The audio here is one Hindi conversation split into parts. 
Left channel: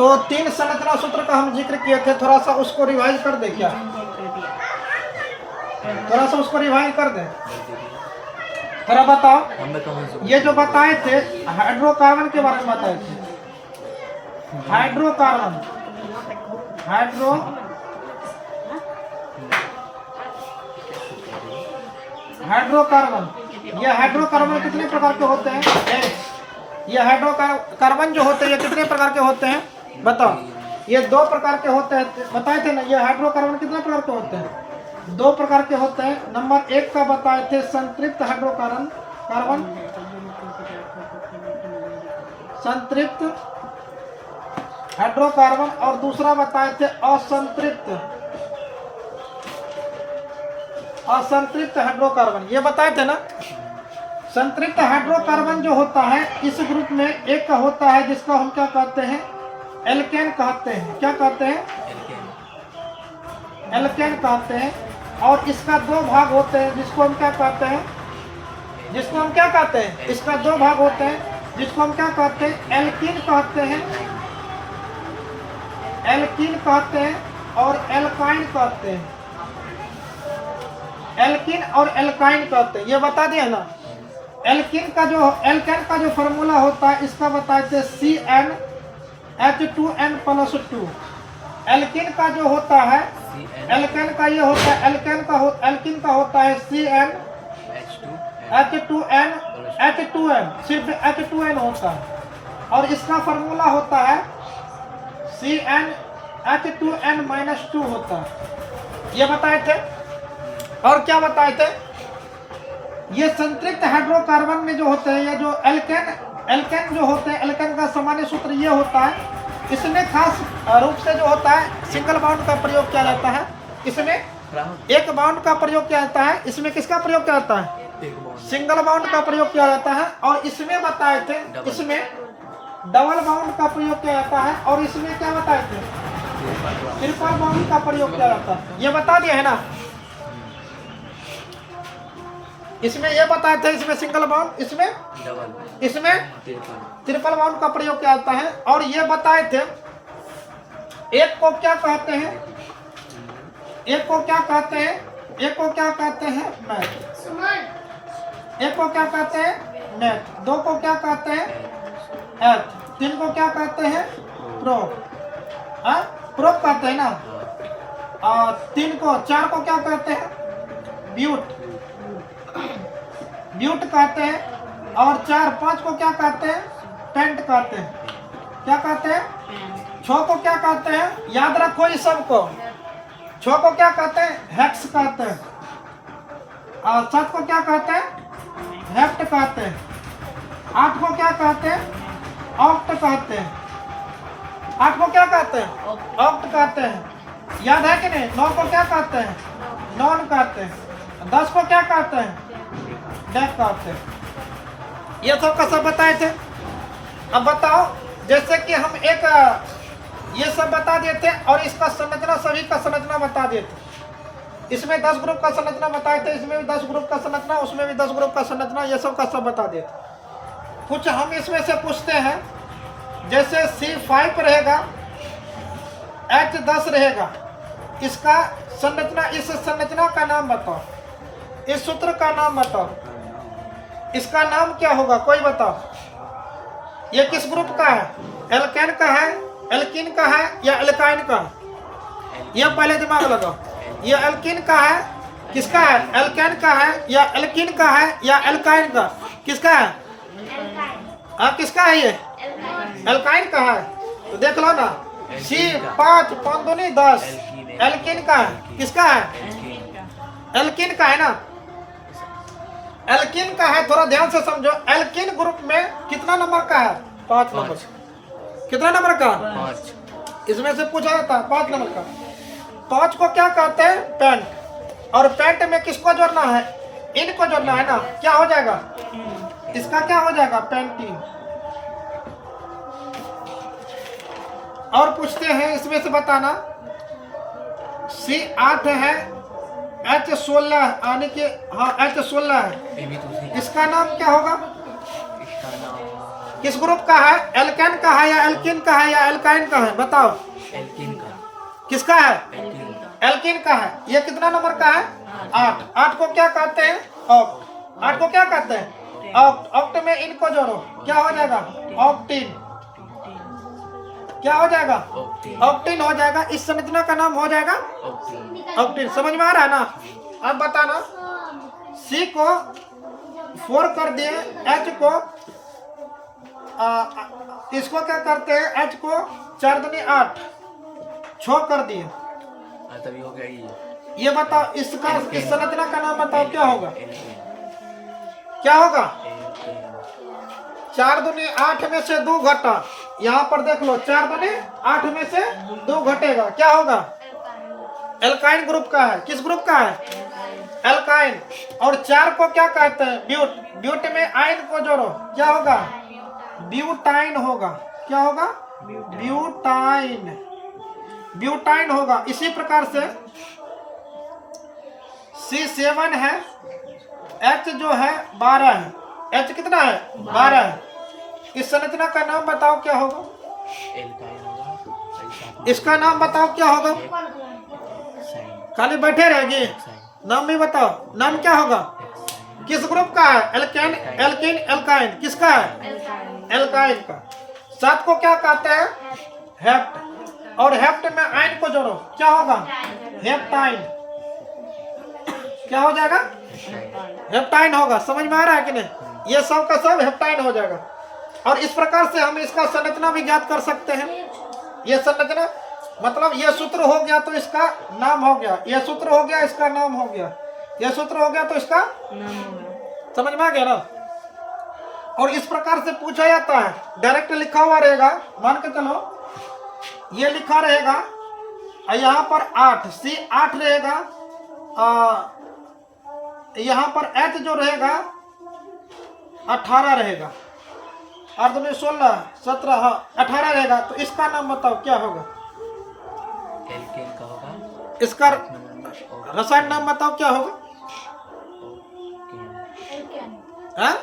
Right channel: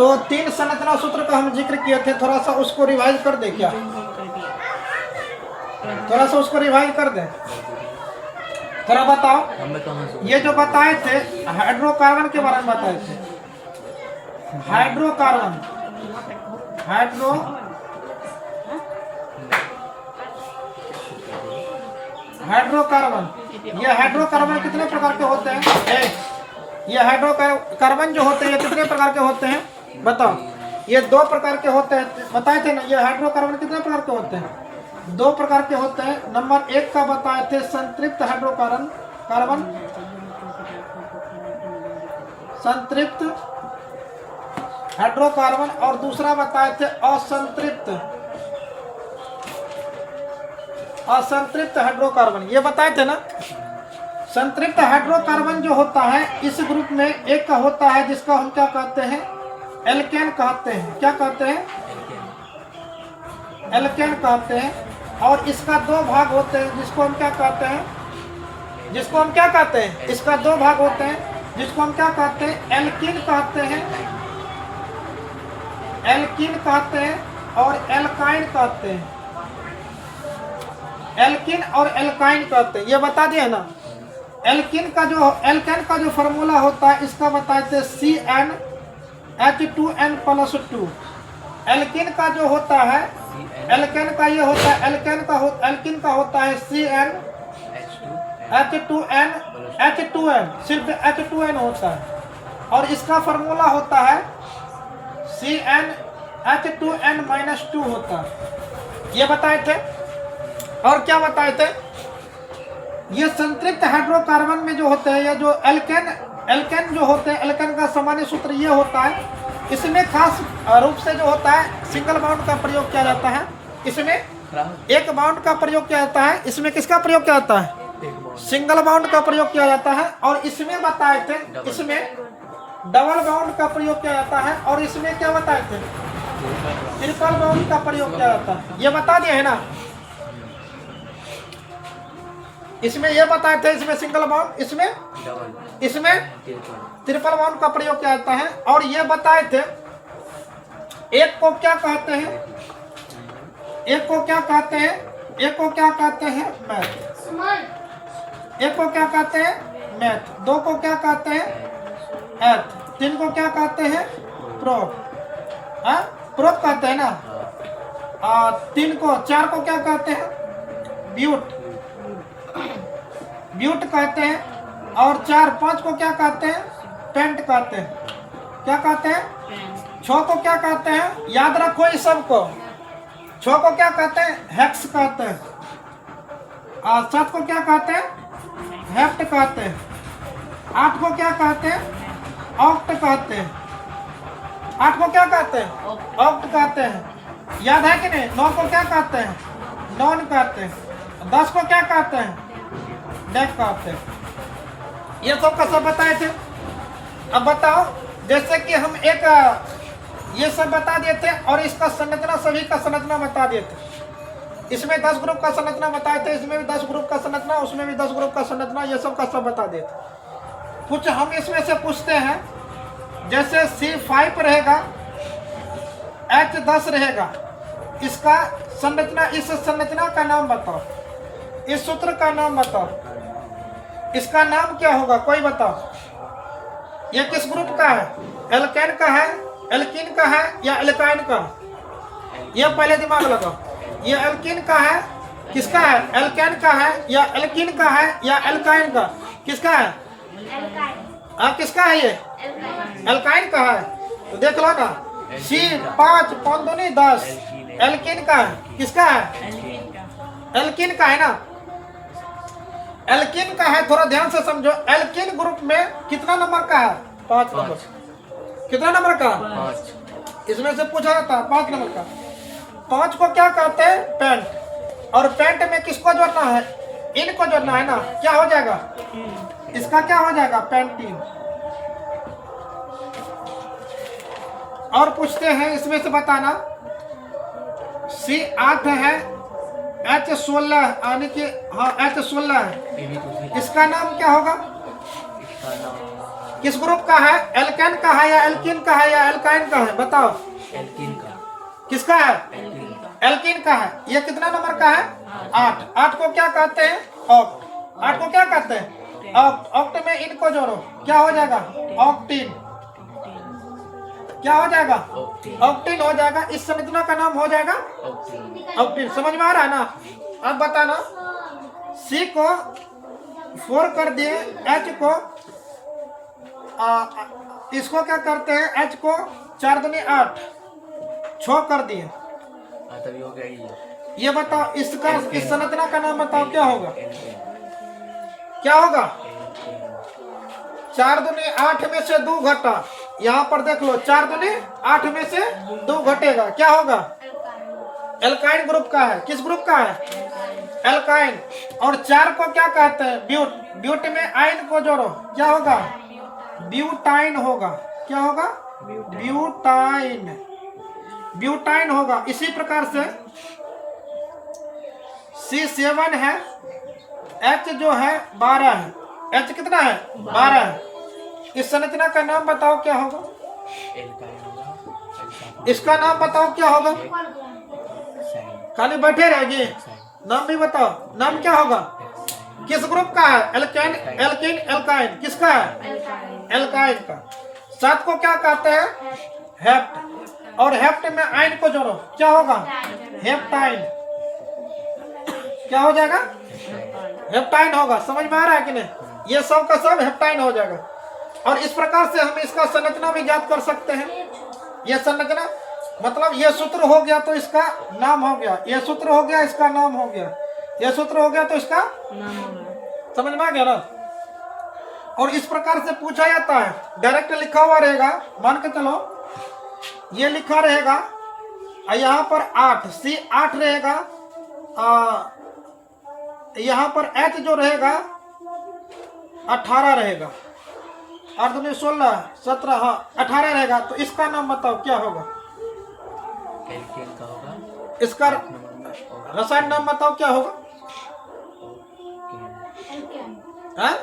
तो 3 संरचना सूत्र का हम जिक्र किए थे, थोड़ा सा उसको रिवाइज कर दे क्या? थोड़ा सा उसको रिवाइज कर दे। थोड़ा बताओ, ये जो बताए थे हाइड्रोकार्बन के बारे में बताए थे, हाइड्रोकार्बन ये हाइड्रोकार्बन कितने प्रकार के होते हैं? ये हाइड्रोकार्बन जो होते हैं ये कितने प्रकार के होते हैं बताओ? ये 2 प्रकार के होते हैं, बताए थे ना। ये हाइड्रोकार्बन कितने प्रकार के होते हैं? 2 प्रकार के होते हैं। नंबर 1 का बताए थे संतृप्त हाइड्रोकार्बन, संतृप्त हाइड्रोकार्बन, और दूसरा बताए थे असंतृप्त हाइड्रोकार्बन। ये बताए थे ना। संतृप्त हाइड्रोकार्बन जो होता है इस ग्रुप में एक का होता है जिसका हम क्या कहते हैं? एल्केन कहते हैं। क्या कहते हैं? एल्केन कहते हैं। और इसका 2 भाग होते हैं जिसको हम क्या कहते हैं? इसका 2 भाग होते हैं जिसको हम क्या कहते हैं? एल्कीन कहते हैं और एल्काइन कहते हैं। एल्कीन और एल्काइन कहते हैं, ये बता दिए ना। एल्केन का जो फॉर्मूला होता है इसका बताए थे CnH2n+2। एल्कीन का जो होता है, एल्केन का ये होता है, एल्कीन का होता है CnH2n, सिर्फ H2n होता है। और इसका फॉर्मूला होता है CnH2n-2 होता है। ये बताए थे। और क्या बताए थे? ये संतृप्त हाइड्रोकार्बन में जो होते हैं, या जो एल्केन जो होते हैं, एल्केन का सामान्य सूत्र ये होता है। इसमें खास रूप से जो होता है सिंगल बाउंड का प्रयोग किया जाता है। इसमें एक बाउंड का प्रयोग किया जाता है। इसमें किसका प्रयोग किया जाता है? सिंगल बाउंड का प्रयोग किया जाता है। और इसमें बताए थे, इसमें डबल बाउंड का प्रयोग किया जाता है। और इसमें क्या बताए थे? ट्रिपल बाउंड का प्रयोग किया जाता है। ये बता दिया है ना। इसमें ये बताए थे, इसमें सिंगल बाउंड, इसमें ट्रिपल बाउंड का प्रयोग किया जाता है। और ये बताए थे एक को क्या कहते हैं? मैथ। एक को क्या कहते हैं? मैथ। 2 को क्या कहते हैं? एथ। 3 को क्या कहते हैं? प्रोप कहते हैं ना। 4 को क्या कहते हैं? ब्यूट कहते हैं। और 5 को क्या कहते हैं? पेंट कहते हैं। क्या कहते हैं? 6 को क्या कहते हैं? याद रखो इस सबको। 6 को क्या कहते हैं? हेक्स कहते हैं। और 7 को क्या कहते हैं? हेप्ट कहते हैं। 8 को क्या कहते हैं? ऑक्ट कहते हैं। 8 को क्या कहते हैं? ऑक्ट कहते हैं। याद है कि नहीं? 9 को क्या कहते हैं? नॉन कहते हैं। 10 को क्या कहते हैं? डेक कहते हैं। ये सब का सब बताए थे। अब बताओ, जैसे कि हम एक ये सब बता दिए थे और इसका संरचना, सभी का संरचना बता दिए थे। इसमें 10 ग्रुप का संरचना बताए थे, इसमें भी 10 ग्रुप का संरचना, उसमें भी 10 ग्रुप का संरचना, ये सब का सब बता दिए थे। कुछ हम इसमें से पूछते हैं, जैसे C5 रहेगा, H10 रहेगा, इसका संरचना, इस संरचना का नाम बताओ, इस सूत्र का नाम बताओ, इसका नाम क्या होगा? कोई बताओ। ये किस ग्रुप का है? एल्केन का है, एल्कीन का है या एल्काइन का? ये पहले दिमाग लगाओ। ये एल्कीन का है, किसका है? एल्केन का है या एल्कीन का है या एल्काइन का? किसका है? किसका है? ये एल्काइन का है। तो देख लो ना, C5 5 दूनी 10 एल्कीन का है। किसका है? एल्कीन का है ना। एल्कीन का है, थोड़ा ध्यान से समझो। एल्कीन ग्रुप में कितना नंबर का है? 5 नंबर। कितना नंबर का? 5। इसमें से पूछा जाता है 5 नंबर का। 5 को क्या कहते हैं? पेंट। और पेंट में किसको जोड़ना है? इनको जोड़ना है ना। क्या हो जाएगा? इसका क्या हो जाएगा? पेंटीन। और पूछते हैं, इसमें से बताना। C8 है, H16 यानी कि हाँ H16 है, इसका नाम क्या होगा? किस ग्रुप का है? एल्केन का है या एल्किन का है या एल्काइन का है? बताओ। एल्किन का। किसका है? एल्किन का। एल्किन का है। ये कितना नंबर का है? 8। 8 को क्या कहते हैं? ऑक्ट। 8 को क्या कहते हैं? ऑक्ट। ऑक्ट में इनको जोड़ो, क्या हो जाएगा? ऑक्टीन। क्या हो जाएगा? ऑक्टीन हो जाएगा। इस संरचना का नाम हो जाएगा ऑक्टीन। समझ में आ रहा है ना? अब बताना, सी को 4 कर दिए, एच को इसको क्या करते हैं? एच को 4 दूनी 8, 6 कर दिए। तभी हो गया ये बताओ, इसका इस संरचना का नाम बताओ, क्या होगा? क्या होगा? 4 दूनी 8 में से 2 घटा। यहाँ पर देख लो, 4 दूनी 8 में से 2 घटेगा, क्या होगा? एल्काइन ग्रुप का है। किस ग्रुप का है? एल्काइन। और 4 को क्या कहते हैं? ब्यूट। ब्यूट में आइन को जोड़ो, क्या होगा? ब्यूटाइन होगा। क्या होगा? ब्यूटाइन। ब्यूटाइन होगा। इसी प्रकार से C7 है, H जो है 12 है। H कितना है? 12 है। इस संरचना का नाम बताओ, क्या होगा? इसका नाम बताओ, क्या होगा? खाली बैठे रहेगी, नाम भी बताओ। नाम क्या होगा? किस ग्रुप का है? Alkane, alkene, alkyne. किसका है? एल्काइन का। 7 को क्या कहते हैं? हेप्ट। और हेप्ट में आइन को जोड़ो, क्या होगा? हेप्टाइन। क्या हो जाएगा? हेप्टाइन होगा। समझ में आ रहा है कि नहीं? ये सब का सब हेप्टाइन हो जाएगा। और इस प्रकार से हम इसका संरचना भी ज्ञात कर सकते हैं। ये संरचना मतलब ये सूत्र हो गया तो इसका नाम हो गया, ये सूत्र हो गया इसका नाम हो गया, ये सूत्र हो गया तो इसका नाम हो गया। समझ में आ गया ना? और इस प्रकार से पूछा जाता है, डायरेक्ट लिखा हुआ रहेगा, मान के चलो ये लिखा रहेगा, यहाँ पर 8 C 8 रहेगा, यहाँ पर H जो रहेगा 18 रहेगा, 8 दूनी 16, 17, हाँ 18 रहेगा। तो इसका नाम बताओ, क्या होगा? एल्केन का होगा। इसका रसायन नाम बताओ, क्या होगा? हाँ?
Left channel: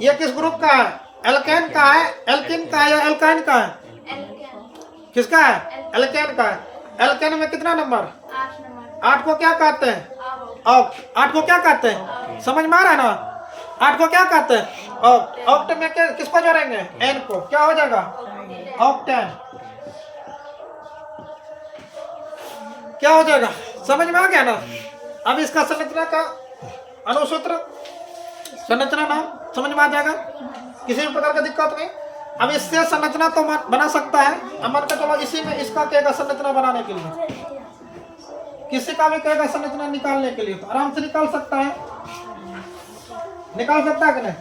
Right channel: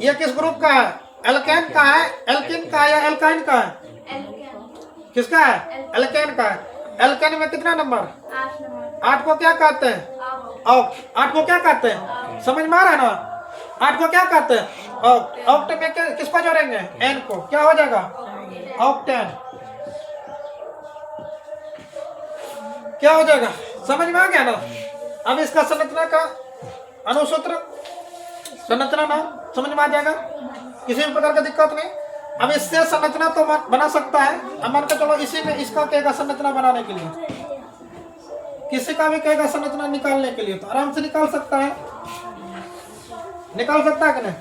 ये किस ग्रुप का है? एल्केन का है, एल्किन का है या एल्काइन का है? किसका है? एल्केन का है। एल्केन में कितना नंबर? 8 को क्या कहते हैं? ऑक्ट। 8 को क्या कहते हैं? समझ में आ रहा है ना? 8 को क्या कहते हैं? ऑक्ट। ऑक्ट में किसको जोड़ेंगे? एन को। क्या हो जाएगा? ऑक्टेन। क्या हो जाएगा? समझ में आ गया ना? अब इसका संरचना का अनुसूत्र, संरचना नाम समझ में आ जाएगा, किसी भी प्रकार का दिक्कत नहीं। अब इससे संरचना तो बना सकता है, मान के चलो इसी में इसका कहेगा संरचना बनाने के लिए, किसी का भी कहेगा संरचना निकालने के लिए, तो आराम से निकाल सकता है, निकाल सकता है कि नहीं?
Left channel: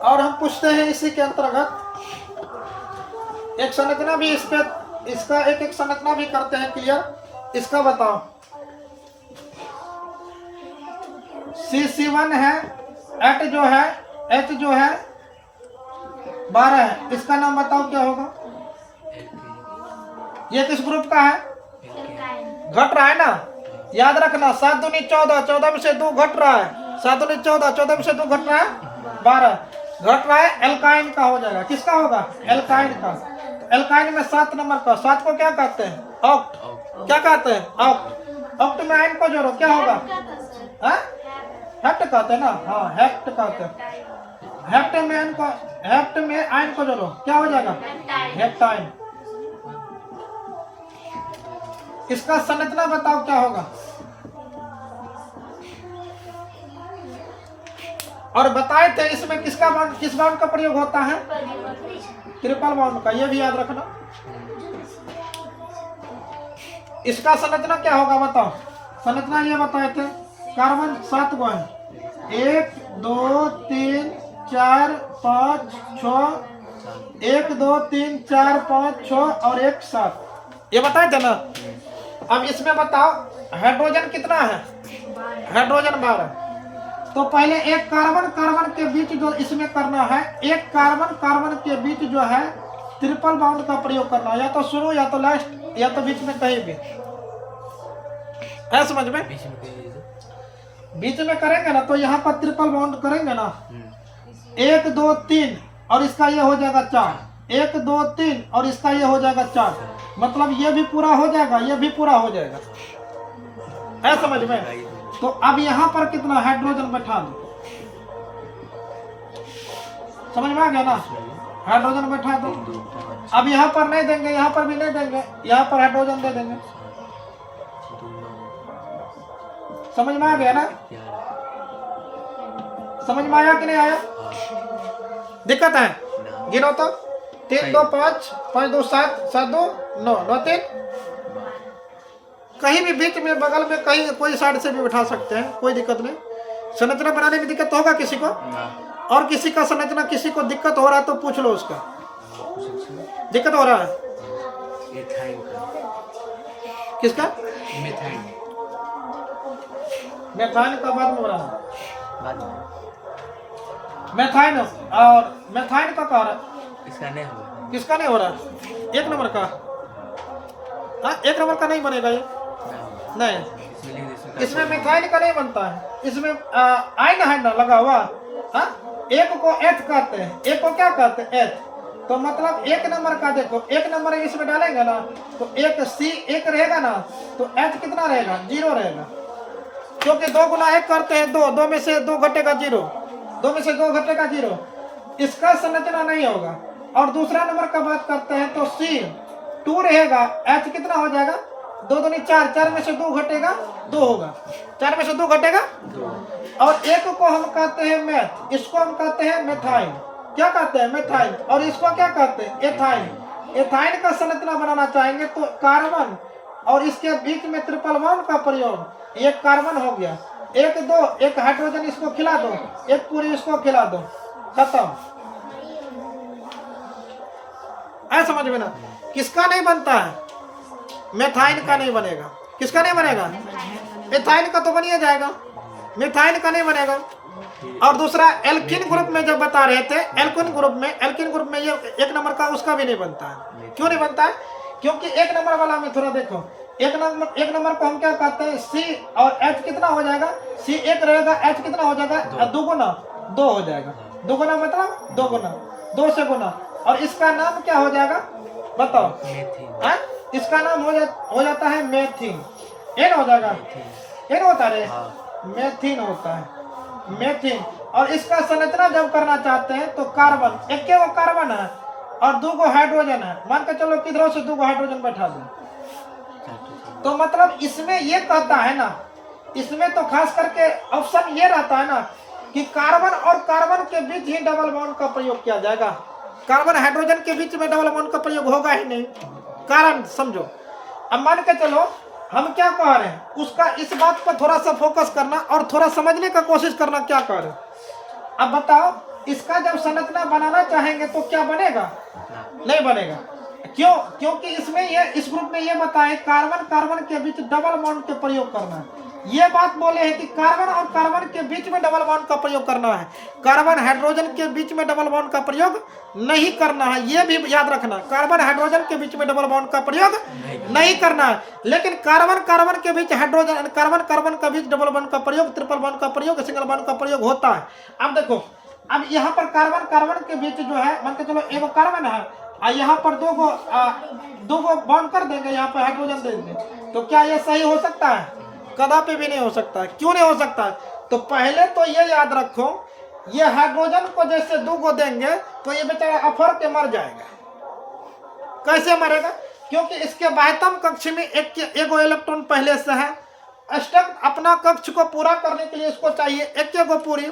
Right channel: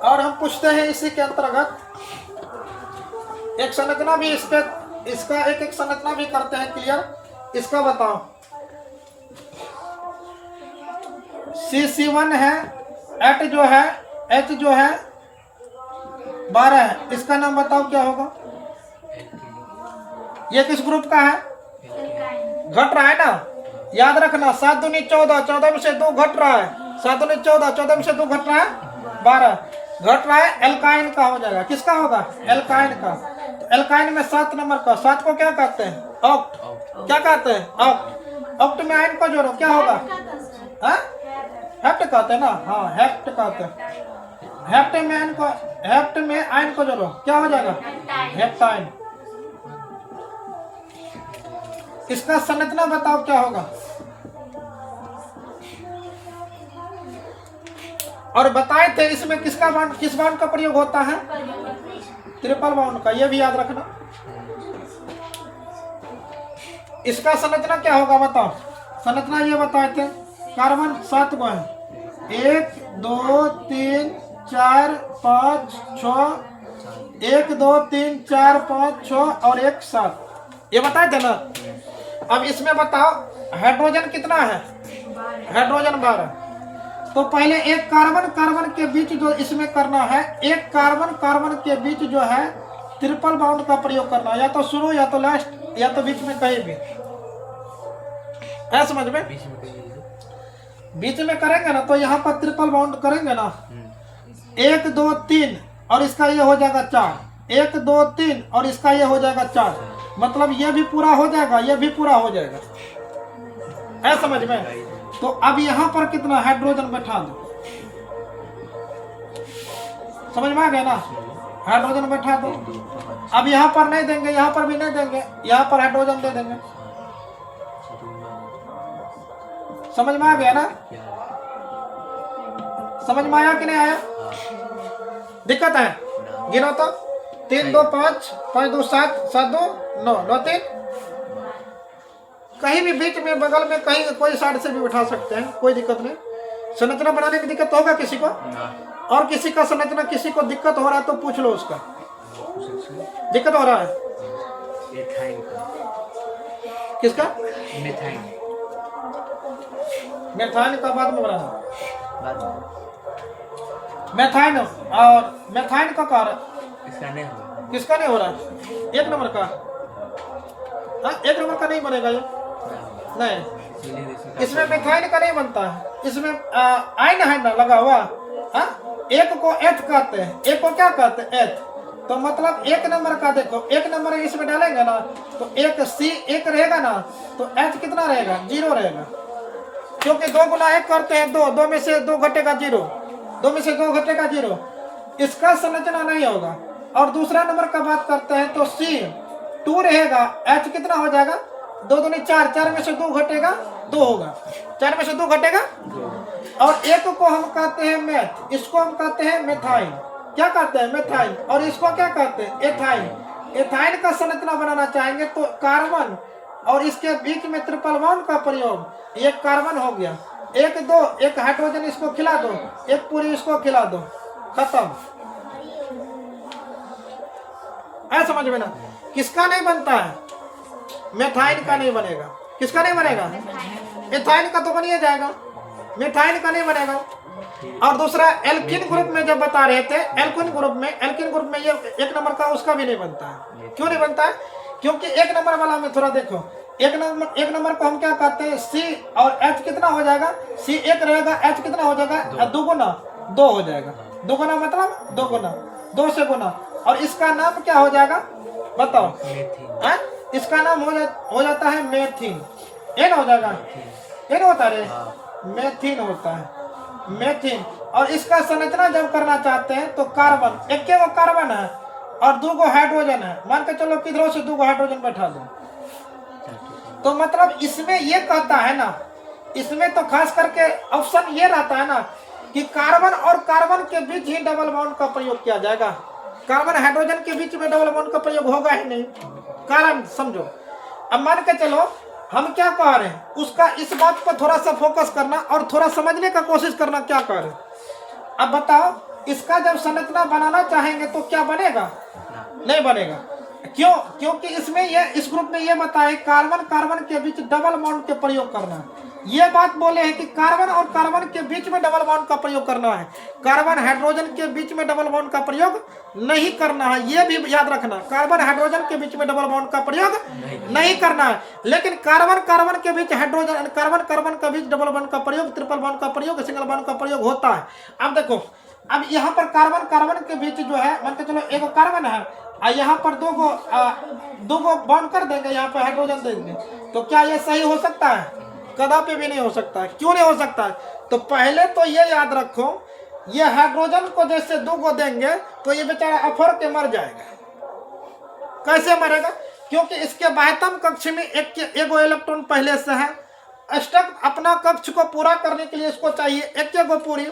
और हम पूछते हैं इसी के अंतर्गत एक संरचना भी, इस पे इसका एक एक संरचना भी करते हैं क्लियर। इसका बताओ, C1 है, H जो है 12 है। इसका नाम बताओ, क्या होगा? ये किस ग्रुप का है? घट रहा है ना, याद रखना। 7 दूनी 14, 14 में से 2 घट रहा है, 7 दूनी 14, 14 में से 2 घट रहा है 12, घट रहा है, एल्काइन का हो जाएगा। किसका होगा? एल्काइन का। तो एल्काइन में 7 नंबर का, 7 को क्या कहते हैं? ऑक्ट। क्या कहते हैं? ऑक्ट। ऑक्ट में आइन को जोड़ो, क्या होगा? हेप्ट कहते हैं ना, हाँ हेप्ट कहते हैं। हेप्ट में आइन को जोड़ो, क्या हो जाएगा? हेप्टाइन। इसका संरचना बताओ, क्या होगा? और बताए थे इसमें किसका बॉन्ड, किस बॉन्ड का प्रयोग होता है? ट्रिपल बॉन्ड का, ये भी याद रखना। इसका संरचना क्या होगा बताओ? संरचना ये बताए थे, कार्बन 7 गो है, 1 2 3 4 5 6, 1 2 3 4 5 6 और 1 7, ये बताए थे ना। अब इसमें बताओ हाइड्रोजन कितना है? हाइड्रोजन 12। तो पहले एक कार्बन कार्बन के बीच जो इसमें करना है, एक कार्बन कार्बन के बीच जो है ट्रिपल बॉन्ड का प्रयोग करना है, या तो शुरू या तो लास्ट या तो बीच में कहीं भी, है समझ में? बीच में करेंगे ना तो यहाँ पर ट्रिपल बॉन्ड करेंगे ना, 1 2 3 और इसका ये हो जाएगा 4, 1 2 3 और इसका ये हो जाएगा 4, मतलब ये भी पूरा हो जाएगा, ये भी पूरा हो जाएगा। है समझ में? तो अब यहाँ पर कितना हाइड्रोजन बैठा दो, समझ में आ गया ना? हाइड्रोजन बैठा दो। अब यहाँ पर नहीं देंगे, यहाँ पर भी नहीं देंगे, यहाँ पर हाइड्रोजन दे देंगे। समझ में आ गया ना? समझ में आया कि नहीं आया? दिक्कत है? गिनो तो 3 2 5 5 2 7 7 2 9 9 3। कहीं भी बीच में बगल में कहीं कोई साइड से भी उठा सकते हैं, कोई दिक्कत नहीं। संरचना बनाने में दिक्कत होगा किसी को? और किसी का संरचना किसी को दिक्कत हो रहा है तो पूछ लो उसका। दिक्कत हो रहा है किसका? मेथाइन का बाद में बनाना। मेथाइन और मेथाइन का कारण इसका नहीं होगा। किसका नहीं हो रहा? 1 नंबर का। हाँ 1 नंबर का नहीं बनेगा ये, नहीं। इसमें मेथाइन का नहीं बनता है, इसमें आयन है ना लगा हुआ। हाँ 1 को एथ कहते हैं, 1 को क्या कहते हैं? एथ। तो मतलब 1 नंबर का देखो, 1 नंबर इसमें डालेंगे ना तो 1 C 1 रहेगा ना, तो एथ कितना रहेगा? 0 रहेगा, क्योंकि 2 गुना 1 करते हैं 2, 2 में से 2 घटेगा 0, 2 में से 2 घटेगा 0। इसका संरचना नहीं होगा। और दूसरा नंबर का बात करते हैं तो C 2 रहेगा, H कितना हो जाएगा? 2 दूनी 4, 4 में से 2 घटेगा 2 होगा, 4 में से 2 घटेगा। और 1 को हम कहते हैं मेथ, इसको हम कहते हैं मेथाइन। क्या कहते हैं? मेथाइन। और इसको क्या कहते हैं? एथाइन। एथाइन का संरचना बनाना चाहेंगे तो कार्बन और इसके बीच में ट्रिपल बॉन्ड का प्रयोग, ये कार्बन हो गया, 1 2 1 हाइड्रोजन इसको खिला दो, 1 पूरी इसको खिला दो, खत्म। ऐ समझ में ना? किसका नहीं बनता है? मेथाइन का नहीं बनेगा। किसका नहीं बनेगा? एथाइन का तो बन ही जाएगा, मेथाइन का नहीं बनेगा। और दूसरा एल्किन ग्रुप में जब बता रहे थे, एल्किन ग्रुप में ये 1 नंबर का उसका भी नहीं बनता है। क्यों नहीं बनता है? क्योंकि 1 नंबर वाला में थोड़ा देखो, 1 नंबर को हम क्या कहते हैं? C और H कितना हो जाएगा? C 1 रहेगा, H कितना हो जाएगा? 2 गुना 2 हो जाएगा। 2 गुना मतलब 2 गुना, 2 से गुना। और इसका नाम क्या हो जाएगा बताओ? इसका नाम हो जाता है मेथिन। एन हो जाएगा, एन होता है, मेथिन होता है, मेथिन। और इसका संरचना जब करना चाहते हैं तो कार्बन, 1 वो कार्बन है और 2 गो हाइड्रोजन है, मान के चलो किधरों से 2 गो हाइड्रोजन बैठा दो, तो मतलब इसमें ये कहता है ना, इसमें तो खास करके ऑप्शन ये रहता है ना कि कार्बन और कार्बन के बीच ही डबल बॉन्ड का प्रयोग किया जाएगा। कार्बन हाइड्रोजन के बीच में डबल बॉन्ड का प्रयोग होगा ही नहीं। कारण समझो। अब मान के चलो हम क्या कह रहे हैं, उसका इस बात पर थोड़ा सा फोकस करना और थोड़ा समझने का कोशिश करना क्या कह रहे हैं। अब बताओ, इसका जब संरचना बनाना चाहेंगे तो क्या बनेगा? नहीं बनेगा। क्यों? क्योंकि इसमें इस ग्रुप में ये बताए कार्बन कार्बन के बीच डबल बॉन्ड के प्रयोग करना है। ये बात बोले हैं कि कार्बन और कार्बन के बीच में डबल बॉन्ड का प्रयोग करना है, कार्बन हाइड्रोजन के बीच में डबल बॉन्ड का प्रयोग नहीं करना है। ये भी याद रखना, कार्बन हाइड्रोजन के बीच में डबल बॉन्ड का प्रयोग नहीं करना है। लेकिन कार्बन कार्बन के बीच हाइड्रोजन, कार्बन कार्बन के बीच डबल बॉन्ड का प्रयोग, ट्रिपल बॉन्ड का प्रयोग, सिंगल बॉन्ड का प्रयोग होता है। अब देखो, अब यहाँ पर कार्बन कार्बन के बीच जो है, मान के चलो 1 कार्बन है और यहाँ पर 2 गो बॉन्ड कर देंगे, यहाँ पर हाइड्रोजन दे देंगे, तो क्या ये सही हो सकता है? कदापि भी नहीं हो सकता है। क्यों नहीं हो सकता है? तो पहले तो ये याद रखो, ये हाइड्रोजन को जैसे 2 गो देंगे तो ये बेचारा अफर के मर जाएगा। कैसे मरेगा? क्योंकि इसके बाह्यतम कक्ष में एक इलेक्ट्रॉन पहले से है। अष्टक अपना कक्ष को पूरा करने के लिए इसको चाहिए 1 गो पूरी,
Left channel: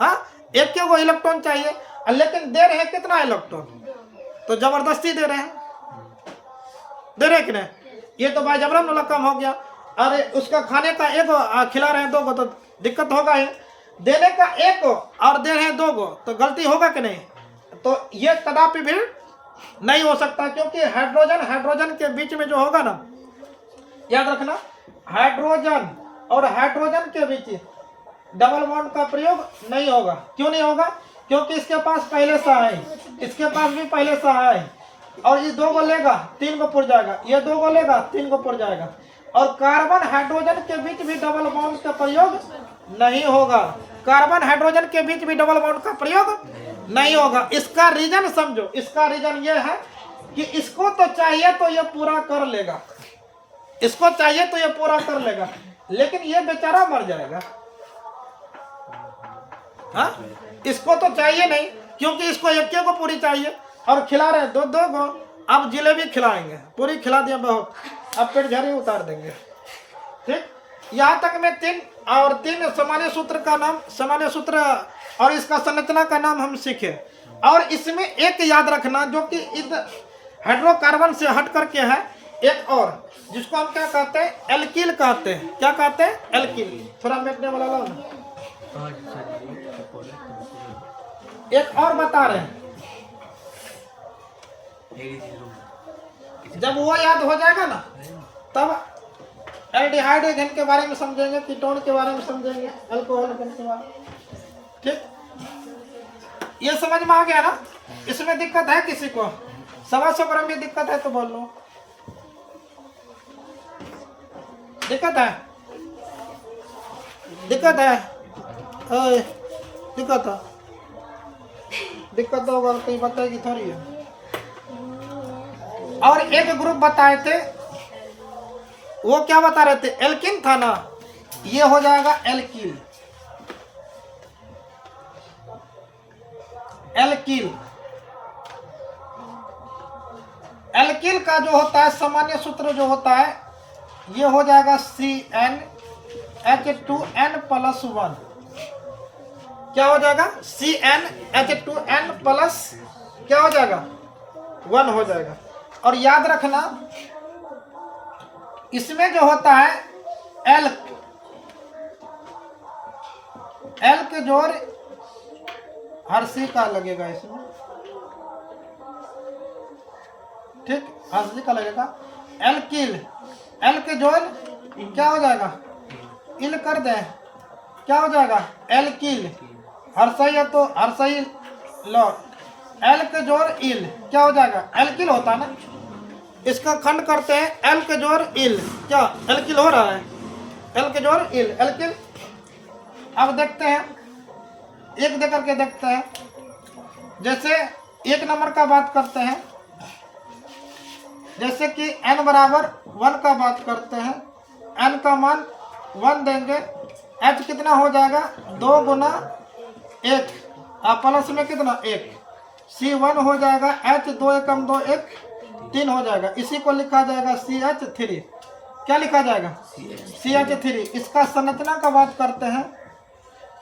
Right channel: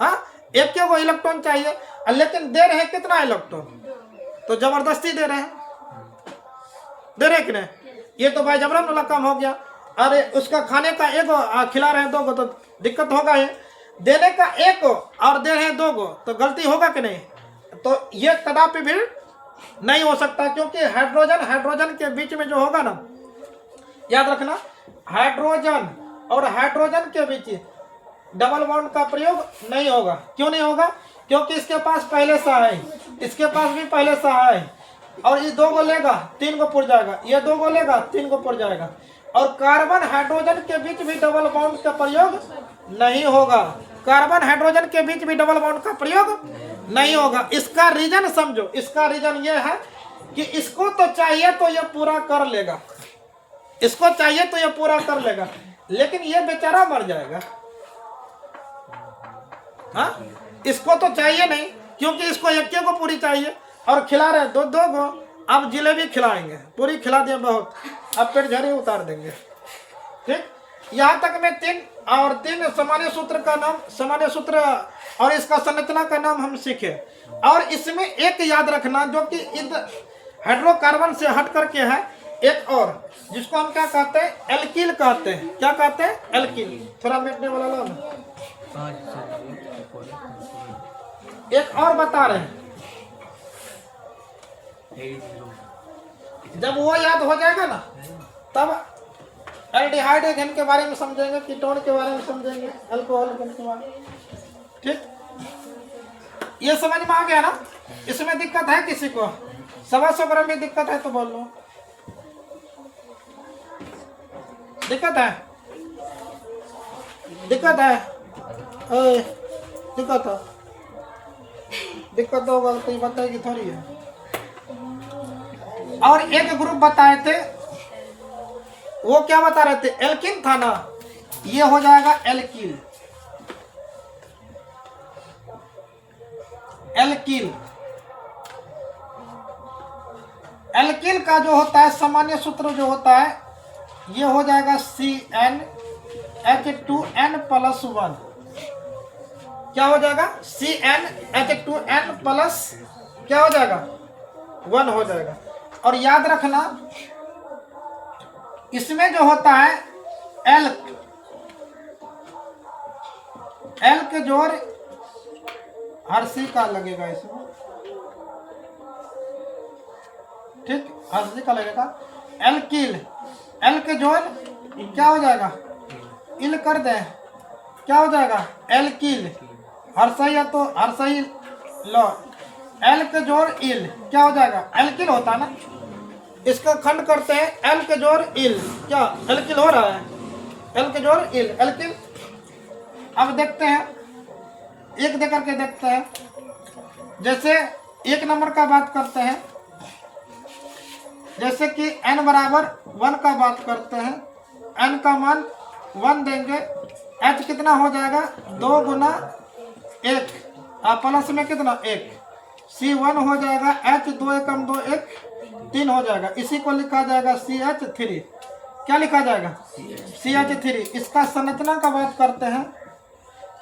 हाँ 1 गो इलेक्ट्रॉन चाहिए, लेकिन दे रहे हैं कितना इलेक्ट्रॉन? तो जबरदस्ती दे रहे हैं, दे रहे कि नहीं? ये तो भाई जबरन वाला काम हो गया। अरे उसका खाने का 1 खिला रहे हैं 2 गो तो दिक्कत होगा ही। देने का 1 और दे रहे हैं 2 गो तो गलती होगा कि नहीं? तो ये कदापि भी नहीं हो सकता, क्योंकि हाइड्रोजन के बीच में जो होगा ना, याद रखना, हाइड्रोजन और हाइड्रोजन के बीच डबल बॉन्ड का प्रयोग नहीं होगा। क्यों नहीं होगा? क्योंकि इसके पास पहले से है, इसके पास भी पहले से है, और ये 2 गो लेगा 3 गो पुर जाएगा, ये 2 गो लेगा 3 गो पुर जाएगा। और कार्बन हाइड्रोजन के बीच भी डबल बॉन्ड का प्रयोग नहीं होगा। कार्बन हाइड्रोजन के बीच भी डबल बॉन्ड का प्रयोग नहीं होगा। इसका रीजन समझो, इसका रीजन ये है कि इसको तो चाहिए तो ये पूरा कर लेगा, इसको चाहिए तो ये पूरा कर लेगा, लेकिन ये बेचारा मर जाएगा। हाँ, इसको तो चाहिए नहीं, क्योंकि इसको एक को पूरी चाहिए और खिला रहे दो दो को। अब जिलेबी खिलाएंगे, पूरी खिला दिया बहुत, अब पेट झड़ी उतार देंगे। ठीक, यहाँ तक में तीन सामान्य सूत्र का नाम, सामान्य सूत्र और इसका संरचना का नाम हम सीखे। और इसमें एक याद रखना जो कि हाइड्रोकार्बन से हट करके है, एक और जिसको हम क्या कहते हैं, एल्किल कहते हैं। क्या कहते हैं? एल्किल। थोड़ा मिटने वाला लो ना। एक और बता रहे हैं, जब वो याद हो जाएगा ना तब एल्डिहाइड एथेन के बारे में समझेंगे, कीटोन के बारे में समझेंगे, अल्कोहल के बारे में। ठीक, ये समझ में आ गया ना? इसमें दिक्कत है किसी को? 125 ग्राम में दिक्कत है तो बोल लो। दिक्कत है? दिक्कत है? दिक्कत है? दिक्कत होगा तो बताएगी थोड़ी है। और एक ग्रुप बताए थे, वो क्या बता रहे थे? एल्किन था ना, ये हो जाएगा एल्किल। एल्किल, एल्किल का जो होता है सामान्य सूत्र जो होता है, ये हो जाएगा CnH2n+1। क्या हो जाएगा? CnH2n प्लस क्या हो जाएगा? 1 हो जाएगा। और याद रखना, इसमें जो होता है एल्क, एल्क जोड़ हर्षी का लगेगा इसमें। ठीक, हर्षी का लगेगा। एल्किल, एल्क जोड़ क्या हो जाएगा? इल कर दे, क्या हो जाएगा? एल्किल। हर्षई है तो हर्षई लो, एल्क जोड़ इल क्या हो जाएगा? एल्किल होता है ना। इसका खंड करते हैं, एल्क जोड़ इल, क्या एल्किल हो रहा है? एल्क जोड़ इल, एल्किल। अब देखते हैं, एक दे करके देखते हैं। जैसे 1 नंबर का बात करते हैं, जैसे कि n बराबर 1 का बात करते हैं, n का मान 1 देंगे, h कितना हो जाएगा? 2 गुना 1, प्लस में कितना? 1। C1 हो जाएगा H 2 एकम 2 1 3 हो जाएगा। इसी को लिखा जाएगा CH3। क्या लिखा जाएगा? CH3। इसका संरचना का बात करते हैं,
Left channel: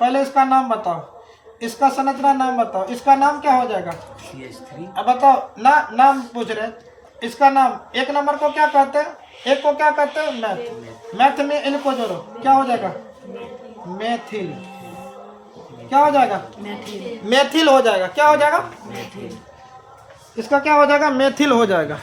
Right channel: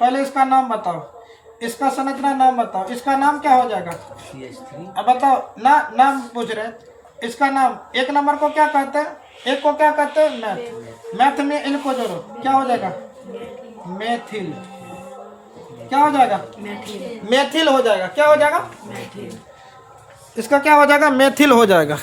पहले इसका नाम बताओ, इसका संरचना नाम बताओ। इसका नाम क्या हो जाएगा? CH3। अब बताओ ना, नाम पूछ रहे। इसका नाम 1 नंबर को क्या कहते हैं? एक को क्या कहते हैं? मैथ। मैथ में इन को जोड़ो, क्या हो जाएगा? मेथिल। क्या हो जाएगा? मेथिल हो जाएगा। क्या हो जाएगा? मेथिल। इसका क्या हो जाएगा? मेथिल हो जाएगा।